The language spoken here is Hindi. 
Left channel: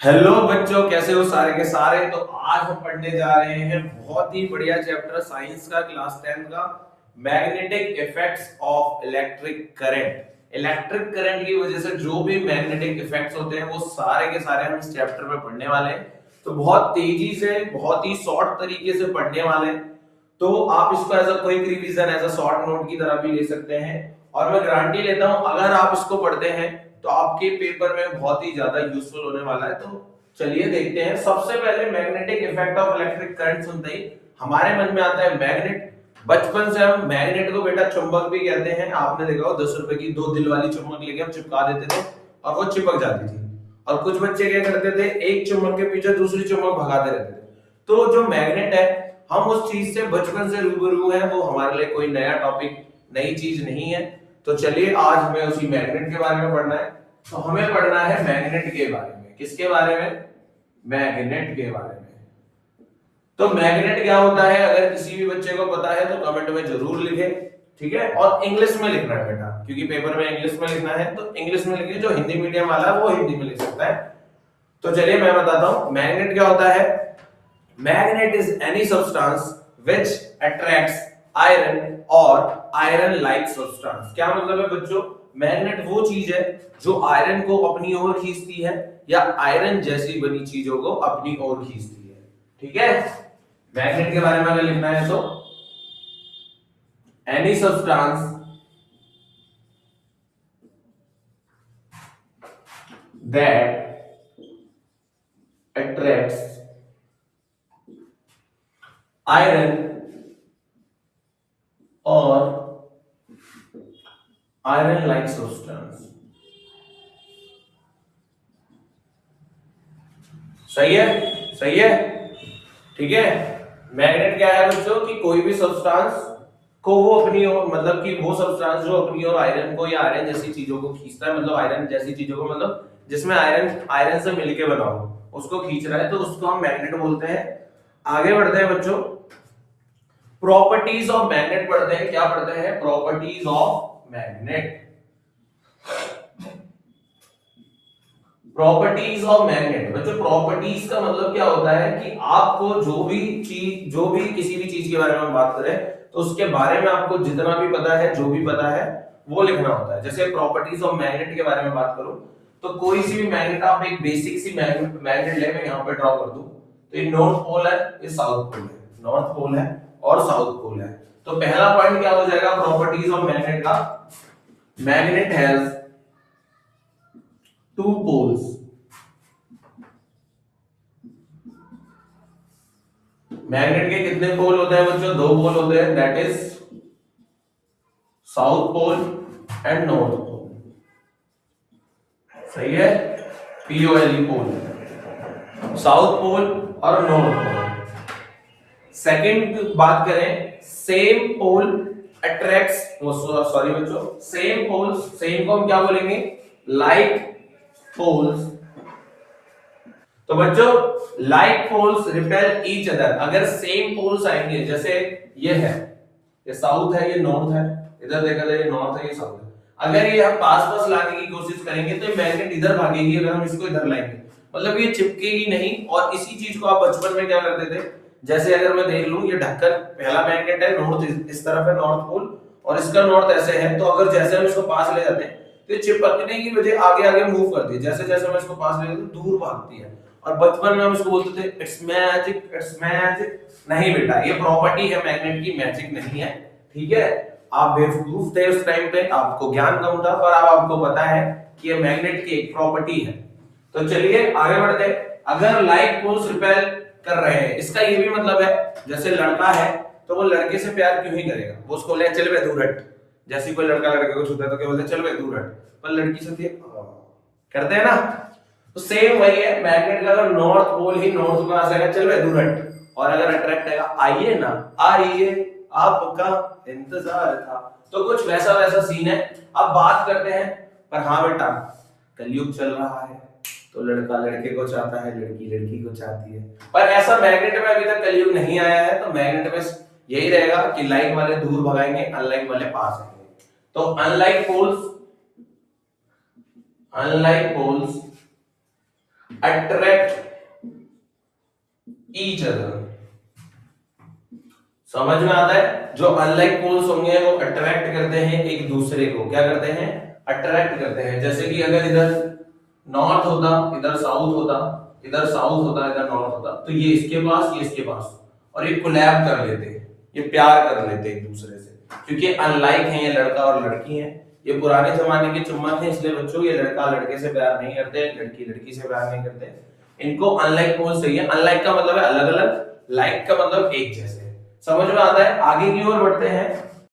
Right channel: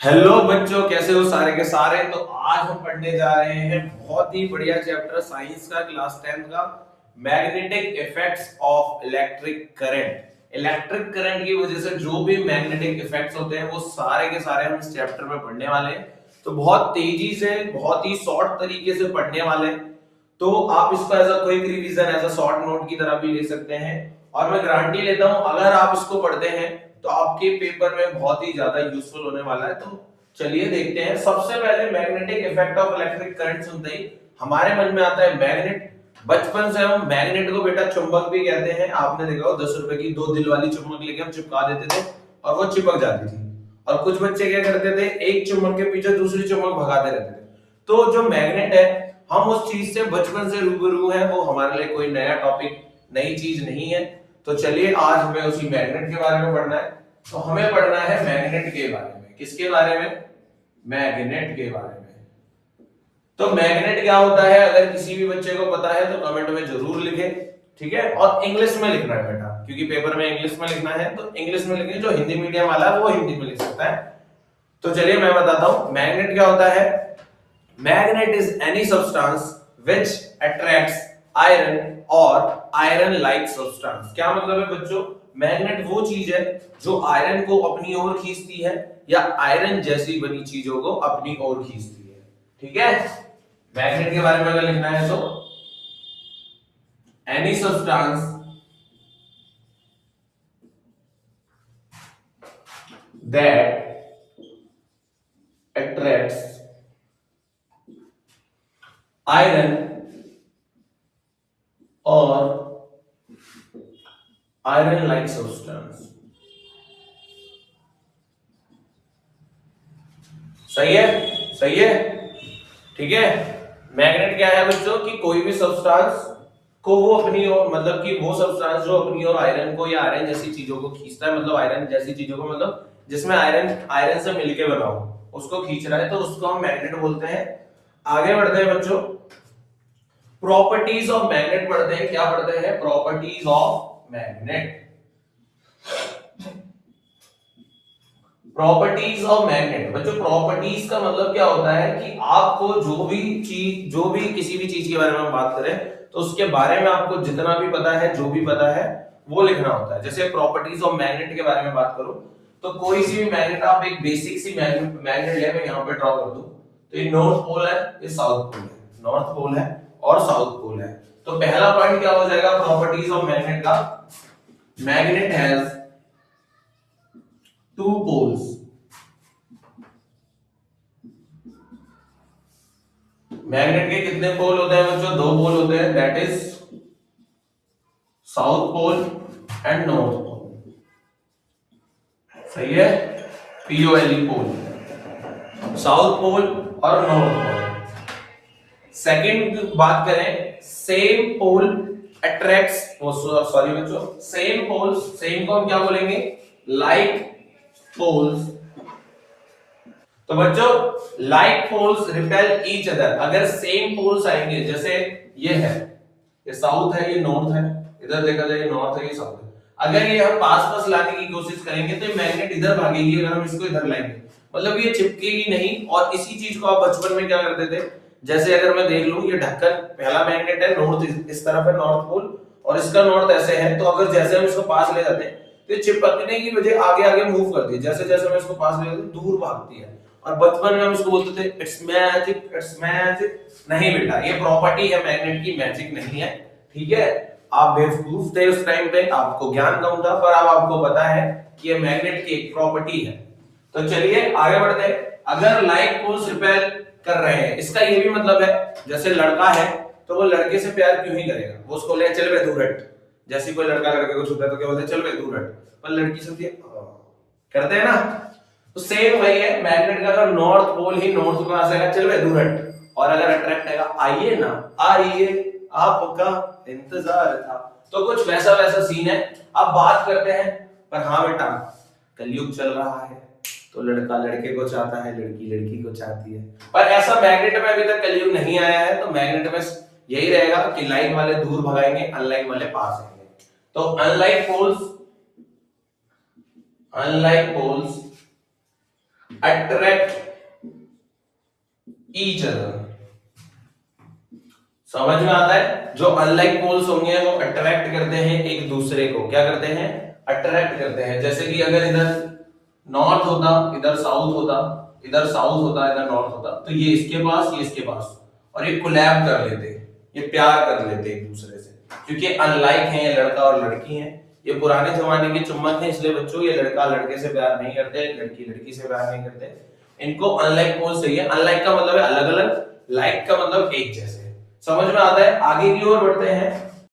हेलो बच्चों, कैसे हो सारे के सारे। तो आज हम पढ़ने जा रहे हैं बहुत ही बढ़िया चैप्टर साइंस का, क्लास 10 का, magnetic effects of electric current. Electric current की वजह से जो भी मैग्नेटिक इफेक्ट्स होते हैं वो सारे के सारे हम इस चैप्टर में पढ़ने वाले हैं। तो बहुत तेजी से, बहुत ही शॉर्ट तरीके से पढ़ने वाले हैं। तो आप इसको as a quick revision, as a short note की तरह भी ले सकते हैं। और मैं गारंटी लेता हूं अगर आप इसको पढ़ते हैं तो आपके पेपर में बहुत ही ज्यादा यूजफुल होने वाला है। तो चलिए देखते हैं। सबसे पहले magnetic effect of electric current सुनते ही हमारे मन में आता है मैग्नेट। बचपन से हम मैग्नेट को बेटा चुंबक भी कहते हैं। आपने देखा हो 10 रुपए की 2 दिल वाली चुंबक लेके हम चिपका देते थे और वो चिपक जाती थी। और कुछ बच्चे क्या करते थे, एक चुंबक के पीछे दूसरी चुंबक भगाते रहते थे। तो जो मैग्नेट है, हम उस चीज से बचपन से रूबरू हैं। वो हमारे लिए कोई नया टॉपिक, नई चीज नहीं है। तो चलिए आज हमें उसी मैग्नेट के बारे में पढ़ना है। तो हमें पढ़ना है मैग्नेट के बारे में। किसके बारे में? मैग्नेट के बारे में। तो मैग्नेट क्या होता है, अगर किसी भी बच्चे को पता है तो कमेंट में जरूर लिखे। ठीक है, और इंग्लिश में लिखना है बेटा, क्योंकि पेपर में इंग्लिश में लिखना है। तो इंग्लिश में लिखिए, जो हिंदी मीडियम वाला है वो हिंदी में लिख सकता है। तो चलिए मैं बताता हूं मैग्नेट क्या होता है। Magnet is any substance which attracts iron or iron-like substance। क्या मतलब है बच्चों? मैग्नेट वो चीज है जो आयरन को अपनी ओर खींचती है या आयरन जैसी बनी चीजों को अपनी ओर खींचती है। ठीक है, मैग्नेट के बारे में अगर लिखना है तो any substance that attracts iron or iron like substance। सही है, सही है। ठीक है, मैग्नेट क्या है बच्चों कि कोई भी सब्सटेंस को वो अपनी ओर, मतलब कि वो सब्सटेंस जो अपनी ओर आयरन को या आयरन जैसी चीजों को खींचता है, मतलब आयरन जैसी चीजों को, मतलब जिसमें आयरन आयरन से मिलके बना हो, उसको खींच रहा है, तो उसको हम मैग्नेट बोलते हैं। आगे बढ़ते हैं बच्चों, प्रॉपर्टीज ऑफ मैग्नेट पढ़ते हैं। क्या पढ़ते हैं? Properties of magnet. Properties of magnet बच्चों, प्रॉपर्टीज का मतलब क्या होता है कि आपको जो भी चीज, जो भी किसी भी चीज के बारे में हम बात करें तो उसके बारे में आपको जितना भी पता है, जो भी पता है वो लिखना होता है। जैसे प्रॉपर्टीज ऑफ मैग्नेट के बारे में बात करूं तो कोई सी भी मैग्नेट, आप एक बेसिक सी मैग्नेट ले, मैं यहाँ पे ड्रॉ कर दूं तो ये नॉर्थ पोल है, ये साउथ पोल है। नॉर्थ पोल है और साउथ पोल है। तो पहला पॉइंट क्या हो जाएगा प्रॉपर्टीज ऑफ मैग्नेट का? Magnet has two poles. Magnet के कितने पोल होते हैं बच्चों? 2 पोल होते हैं, that is south pole and north pole. सही है, पीओएलई पोल, साउथ पोल और नॉर्थ पोल। सेकंड बात करें, सेम पोल अट्रैक्ट्स, सॉरी बच्चों, सेम पोल्स, सेम को हम क्या बोलेंगे? Like poles. तो बच्चों like poles repel each other. अगर सेम पोल्स आएंगे, जैसे ये है, ये साउथ है, ये नॉर्थ है, इधर देखा जाए ये नॉर्थ है, ये साउथ है। अगर ये हम पास पास लाने की कोशिश करेंगे तो मैग्नेट इधर भागेगी, अगर हम इसको इधर लाएंगे मतलब ये चिपकेगी नहीं। और इसी चीज को आप बचपन में क्या करते थे, जैसे अगर मैं देख लूं, ये ढक्कन, पहला मैग्नेट है, नॉर्थ इस तरफ है, नॉर्थ पोल, और इसका नॉर्थ ऐसे है। तो अगर जैसे हम इसको पास ले जाते हैं तो ये चिपकने की वजह आगे आगे मूव करती है। जैसे जैसे मैं इसको पास ले जाता हूं दूर भागती है। और बचपन में हम इसको बोलते थे इट्स मैजिक, इट्स मैजिक। नहीं बेटा, ये प्रॉपर्टी है मैग्नेट की, मैजिक नहीं है। ठीक है, आप बेवकूफ थे उस टाइम पे, आपको ज्ञान कम था, पर अब आपको पता है कि ये मैग्नेट की एक प्रॉपर्टी है। तो चलिए आगे बढ़ते हैं। अगर लाइक पोल्स रिपेल कर रहे हैं, इसका ये भी मतलब है, जैसे लड़का है तो वो लड़के से प्यार क्यों ही करेगा, वो उसको ले चल बे दूर हट। जैसे कोई लड़का लड़के को छूता है तो क्या बोलते हैं, चल बे दूर हट। पर लड़की से करते हैं ना। तो सेम वही है, मैग्नेट का अगर नॉर्थ पोल ही नॉर्थ को आ जाएगा, चल बे दूर हट। और अगर अट्रैक्ट आएगा, आइए ना, आइए, आपका इंतजार था। तो कुछ वैसा वैसा सीन है। अब बात करते हैं, पर हाँ बेटा, कलयुग चल रहा है तो लड़का लड़के को चाहता है, लड़की लड़की को चाहती है। पर ऐसा मैग्नेट में अभी तक कलयुग नहीं आया है। तो मैग्नेट में यही रहेगा कि लाइक वाले दूर भगाएंगे, अनलाइक वाले पास आएंगे। तो unlike poles attract each other। समझ में आता है? जो अनलाइक पोल्स होंगे वो अट्रैक्ट करते हैं एक दूसरे को, क्या करते हैं? अट्रैक्ट करते हैं। जैसे कि अगर इधर नॉर्थ होता, इधर साउथ होता, इधर साउथ होता, इधर नॉर्थ होता, तो ये इसके पास, ये इसके पास, और ये कोलैब कर लेते, ये प्यार कर लेते एक दूसरे से, क्योंकि अनलाइक हैं, ये लड़का और लड़की हैं। ये पुराने जमाने के चुम्बन है, इसलिए बच्चों ये लड़का लड़के से प्यार नहीं करते, लड़की लड़की से प्यार नहीं करते। इनको अनलाइक पोल्स चाहिए। अनलाइक का मतलब है अलग अलग, लाइक का मतलब एक जैसे। समझ में आता है? आगे की ओर बढ़ते हैं।